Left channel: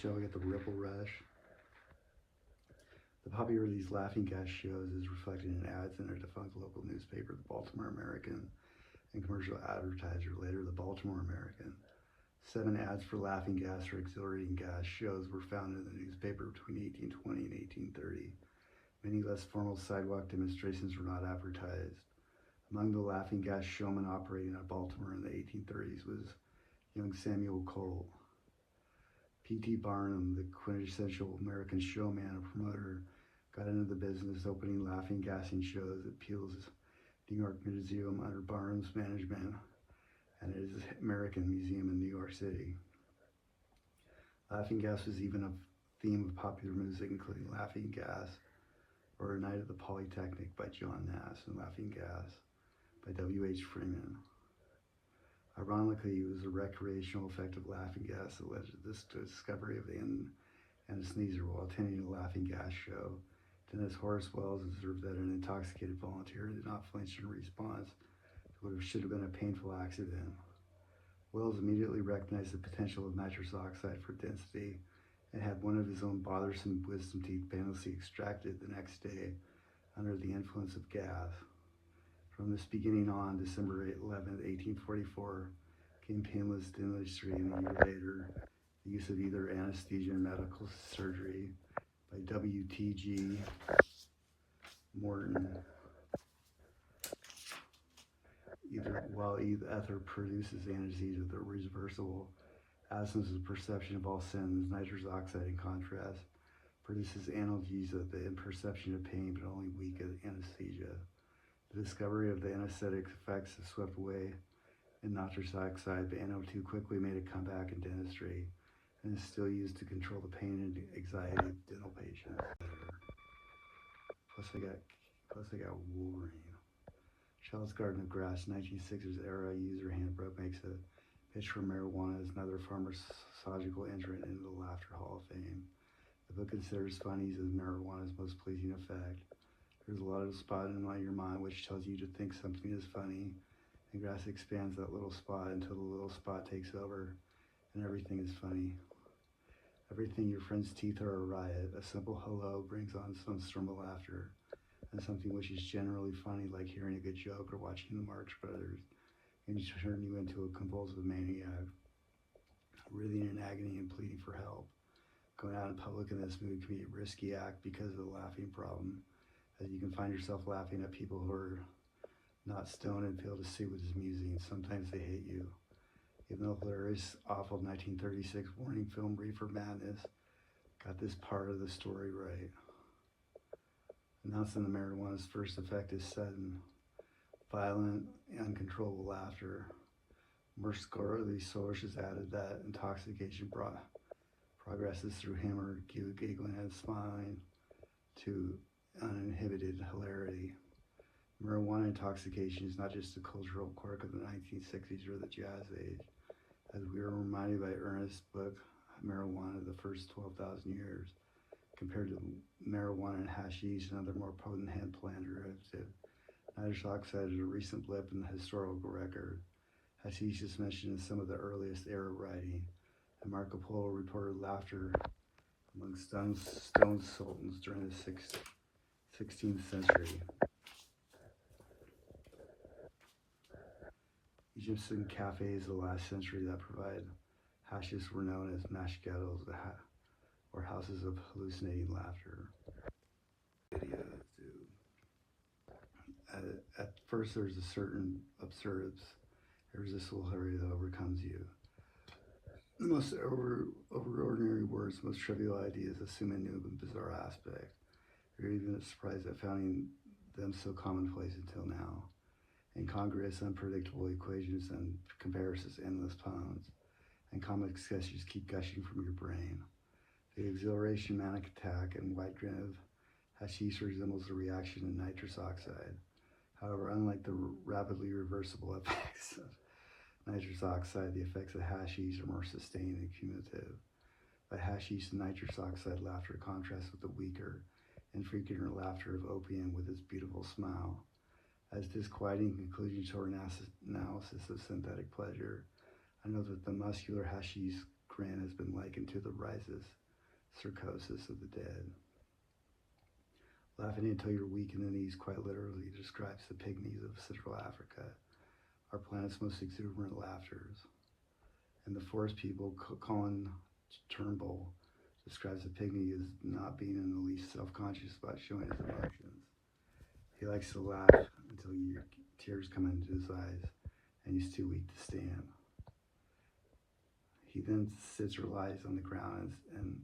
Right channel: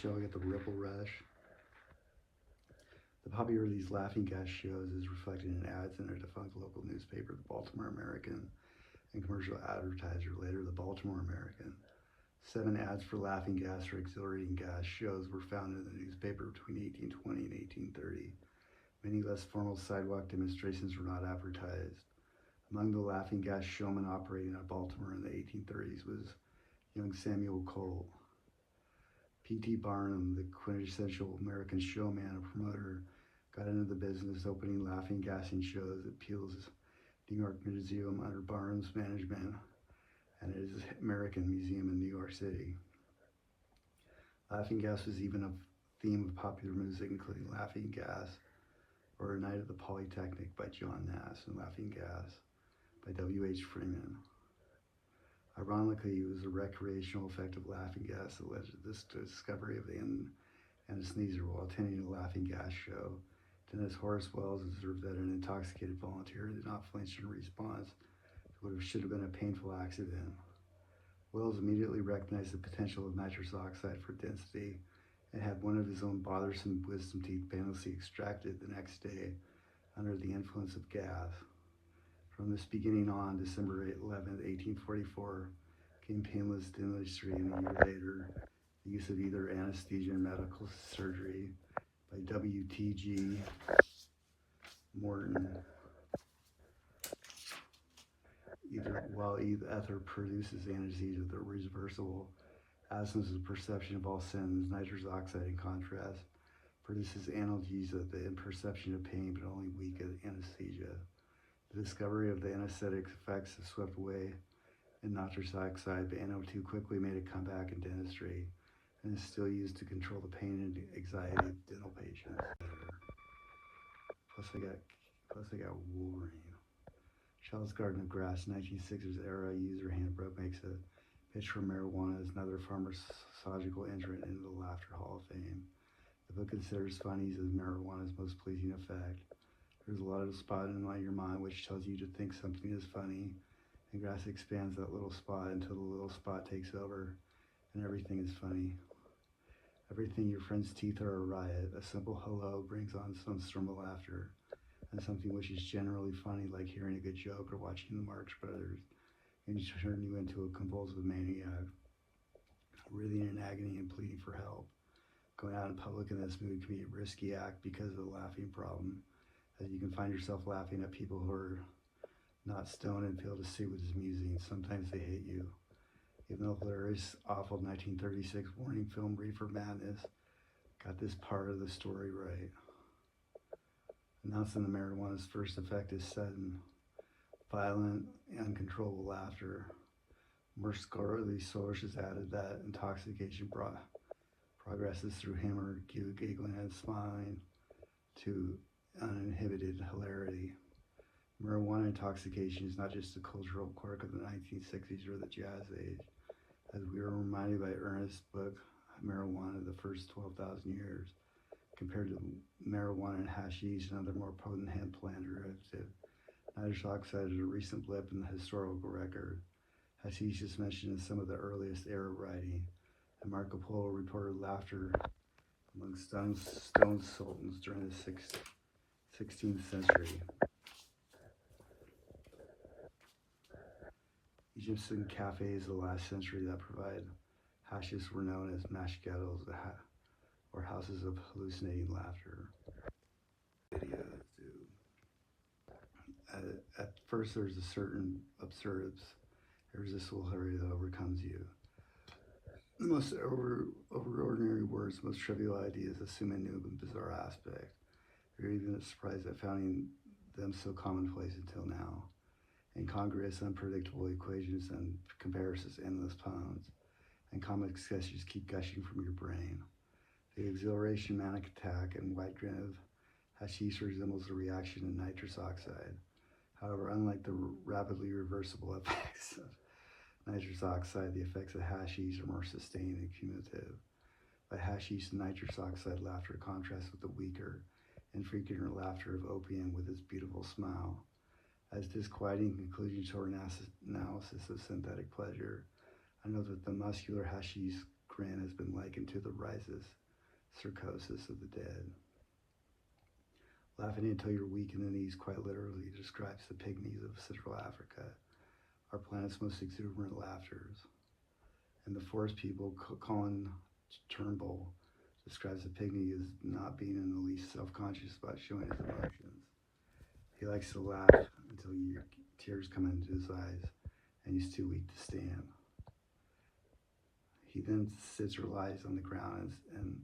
showing at the Ripple Rush. The popularity of these laughing gas shows is reflected in ads in a defunct local newspaper, the Baltimore American, and commercial advertiser, later the Baltimore American. 7 ads for laughing gas or exhilarating gas shows were found in the newspaper between 1820 and 1830. Many less formal sidewalk demonstrations were not advertised. Among the laughing gas showmen operating at Baltimore in the 1830s was young Samuel Cochell. P.T. Barnum, the quintessential American showman and promoter, got into the business opening laughing gassing shows at Peale's New York Museum under Barnum's management and his American Museum in New York City. Laughing gas was even a theme of popular music, including Laughing Gas or A Night at the Polytechnic by John Nash and Laughing Gas by W.H. Freeman. Ironically, it was the recreational effect of laughing gas that led to this discovery of the anesthesia while attending a laughing gas show. Dentist Horace Wells observed that an intoxicated volunteer did not flinch in response to what should have been a painful accident. Wells immediately recognized the potential of nitrous oxide for density and had one of his own bothersome wisdom teeth painlessly extracted the next day under the influence of gas. From this beginning on, December 11, 1844, came painless dentistry, and a year later, the use of either anesthesia and medical surgery by W.T.G. Morton. While ether produces anesthesia, the reversible absence of perception of all sense, nitrous oxide, in contrast, produces analgesia, the imperception of pain, but only weak anesthesia. The discovery of the anesthetic effects is swept away in nitrous oxide, but NO2 quickly made a comeback in dentistry and is still used to control the pain and anxiety of dental patients. Plus I got Wolverine. Shell's Garden of Grass, 1960s era user handbook, makes a pitch for marijuana as another pharmacological entrant into the Laughter Hall of Fame. The book considers findings of marijuana's most pleasing effect. There's a lot of spot in your mind which tells you to think something is funny, and grass expands that little spot until the little spot takes over, and everything is funny. Everything, your friend's teeth are a riot. A simple hello brings on some storm of laughter, and something which is generally funny, like hearing a good joke or watching the Marx Brothers, can turn you into a convulsive maniac, writhing in agony and pleading for help. Going out in public in this mood can be a risky act because of the laughing problem, as you can find yourself laughing at people who are not stoned and fail to see what is amusing. Sometimes they hate you. Even though hilarious, awful 1936 warning film Reefer Madness got this part of the story right. Announcing the marijuana's first effect is sudden, violent, uncontrollable laughter. More scholarly sources added that intoxication progresses through humor, giggling and smiling, to uninhibited hilarity. Marijuana intoxication is not just a cultural quirk of the 1960s or the Jazz Age, as we are reminded by Ernest's book, Marijuana, the First 12,000 Years, compared to marijuana and hashish and other more potent hemp plant derivatives. Nitrous oxide is a recent blip in the historical record. Hashish is mentioned in some of the earliest Arab writing, and Marco Polo reported laughter among stone sultans during the 16th century. Egyptian cafes of the last century that provide hashish were known as mashkettles, or houses of hallucinating laughter. At first, there's a certain absurdance, irresistible hilarity that overcomes you. The most overordinary words, most trivial ideas assume a new and bizarre aspect. You're even surprised at finding them so commonplace until now. Incongruous, unpredictable equations and comparisons, endless puns, and comic sketches keep gushing from your brain. The exhilaration, manic attack, and white grin of hashish resembles the reaction in nitrous oxide. However, unlike the rapidly reversible effects of nitrous oxide, the effects of hashish are more sustained and cumulative. By hashish and nitrous oxide, laughter contrasts with the weaker, infrequent laughter of opium with its beautiful smile. As disquieting conclusion to our analysis of synthetic pleasure, I know that the muscular hashish grin has been likened to the rhizus cercosis of the dead. Laughing until you're weak in the knees quite literally describes the pygmies of Central Africa, our planet's most exuberant laughters. And the forest people, Colin Turnbull, describes the pygmy as not being in the least self-conscious about showing his emotions. He likes to laugh until tears come into his eyes and he's too weak to stand. He then sits or lies on the ground and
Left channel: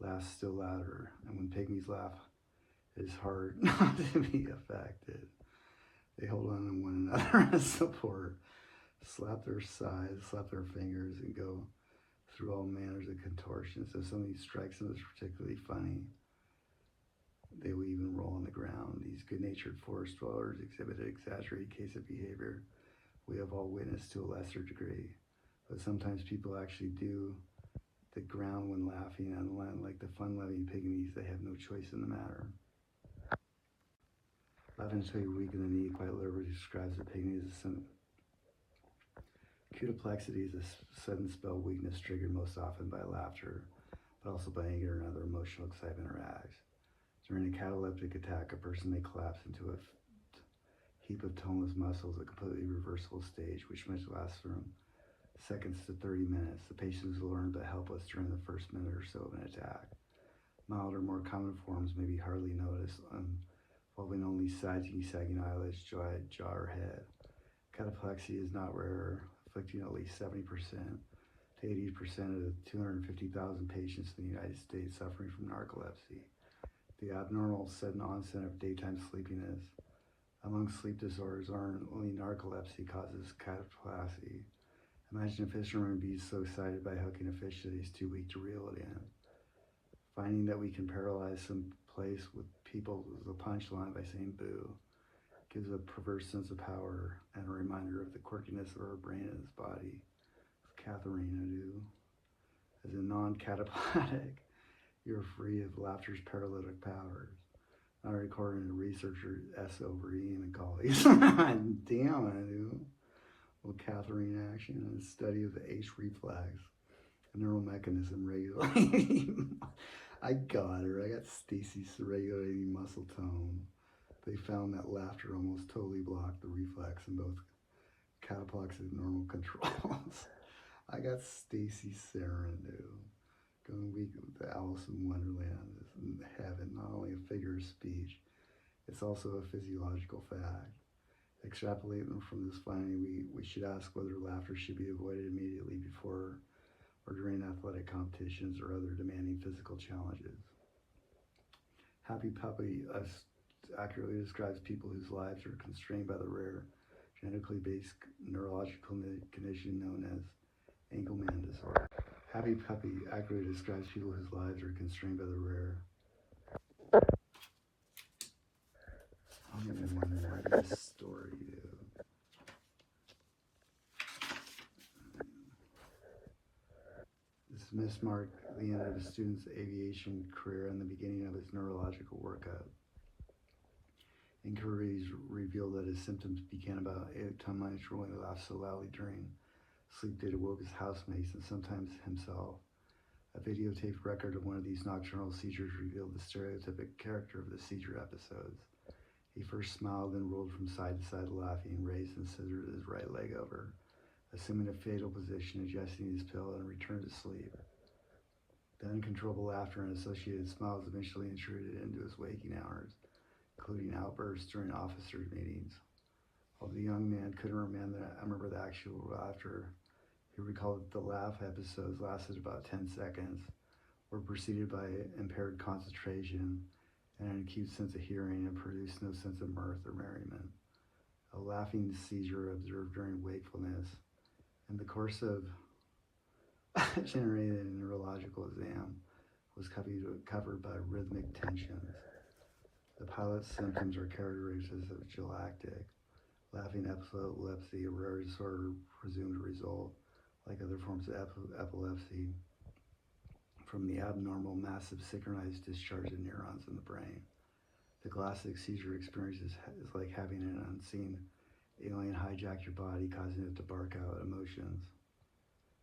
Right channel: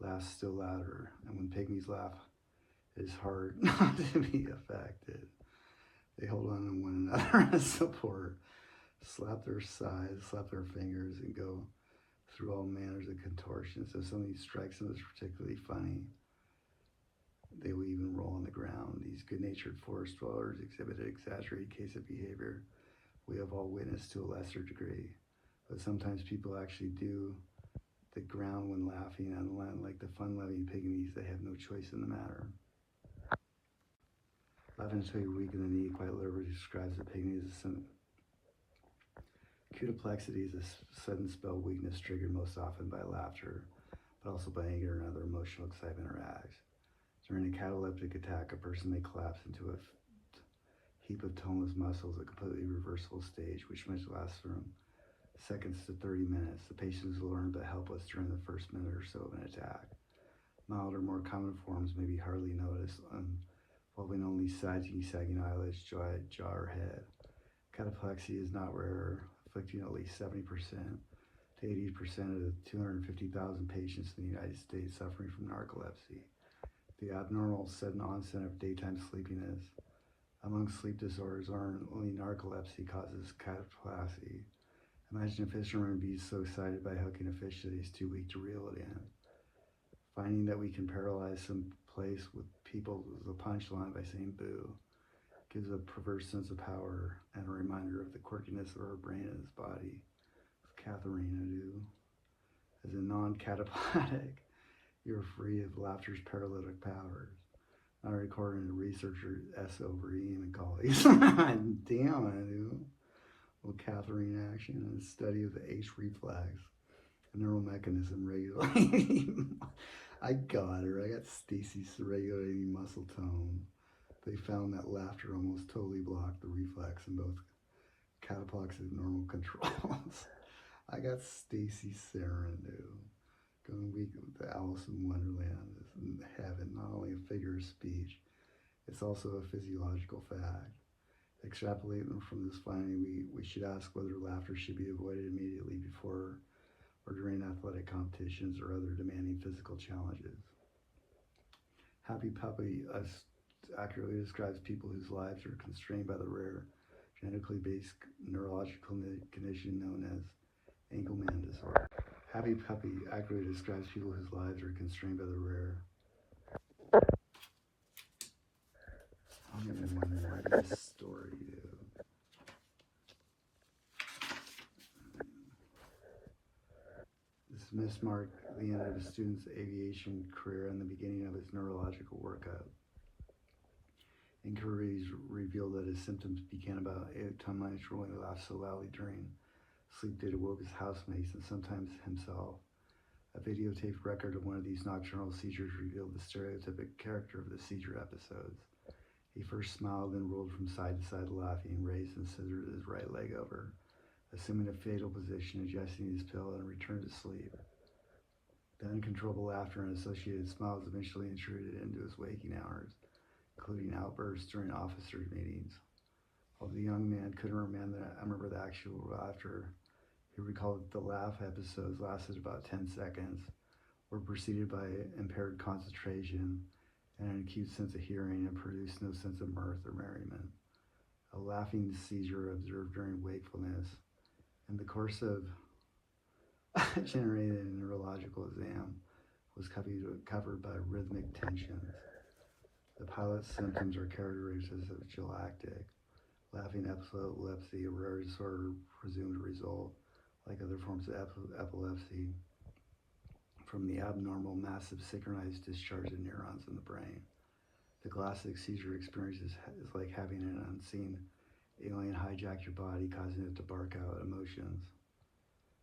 laughs still louder. And when pygmies laugh, it is hard not to be affected. They hold on to one another as support, slap their sides, slap their fingers, and go through all manners of contortions. If somebody strikes them as particularly funny, they will even roll on the ground. These good-natured forest dwellers exhibit an exaggerated case of behavior we have all witnessed to a lesser degree. But sometimes people actually do the ground when laughing, and like the fun-loving pygmies, they have no choice in the matter. Laughing until you're weak in the knee quite literally describes the pygmy as a symptom. Cutaplexity is a sudden spell of weakness triggered most often by laughter, but also by anger and other emotional excitement or acts. During a cataleptic attack, a person may collapse into a heap of toneless muscles, a completely reversible stage, which might last from seconds to 30 minutes. The patient is alarmed but helpless during the first minute or so of an attack. Mild or more common forms may be hardly noticed, involving only sagging eyelids, jaw, or head. Cataplexy is not rare, afflicting at least 70% to 80% of the 250,000 patients in the United States suffering from narcolepsy. The abnormal sudden onset of daytime sleepiness. Among sleep disorders, only narcolepsy causes cataplexy. Imagine a fisherman being so excited by hooking a fish that he's too weak to reel it in. Finding that we can paralyze some place with people with a punchline by saying boo gives a perverse sense of power and a reminder of the quirkiness of our brain and its body. Katharina do. As a non-catapletic, you're free of laughter's paralytic powers. Not according to researcher S. Overeem and colleagues. Damn, I do. Well, Katharine action and study of the H reflex, a neural mechanism regulating. I got her. I got Stacy's regulating muscle tone. They found that laughter almost totally blocked the reflex in both cataplexic and normal controls. I got Stacy Sarin, dude. Going weak with the Alice in Wonderland is in heaven, not only a figure of speech, it's also a physiological fact. Extrapolating from this finding, we should ask whether laughter should be avoided immediately before or during athletic competitions or other demanding physical challenges. Happy Puppy accurately describes people whose lives are constrained by the rare, genetically based neurological condition known as Engelmann disorder. Happy Puppy accurately describes people whose lives are constrained by the rare. I'll give you one more of this story, dude. This mismarked the end of a student's aviation career and the beginning of his neurological workup. Inquiries revealed that his symptoms began about 8 times when he laughed so loudly during sleep that it awoke his housemates and sometimes himself. A videotaped record of one of these nocturnal seizures revealed the stereotypic character of the seizure episodes. He first smiled, then rolled from side to side laughing, raised and scissored his right leg over, assuming a fatal position, adjusting his pillow, and returned to sleep. The uncontrollable laughter and associated smiles eventually intruded into his waking hours, including outbursts during officers' meetings. While the young man couldn't remember the actual laughter, he recalled that the laugh episodes lasted about 10 seconds, were preceded by impaired concentration and an acute sense of hearing, and produced no sense of mirth or merriment. A laughing seizure observed during wakefulness in the course of generated a neurological exam was covered by rhythmic tensions. The pilot's symptoms are characteristics of galactic laughing epilepsy, a rare disorder presumed to result, like other forms of epilepsy, from the abnormal, massive, synchronized discharge of neurons in the brain. The classic seizure experience is like having an unseen alien hijack your body, causing it to bark out emotions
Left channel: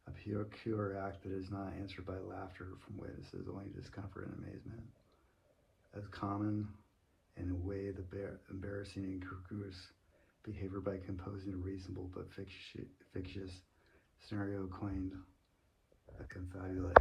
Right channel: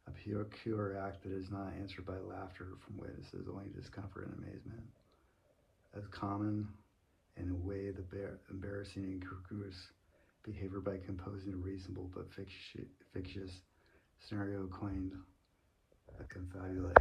A pure act that is not answered by laughter from witnesses, only discomfort and amazement. As common in a way the embarrassing and incongruous behavior by composing a reasonable but fictitious scenario coined a confabulation.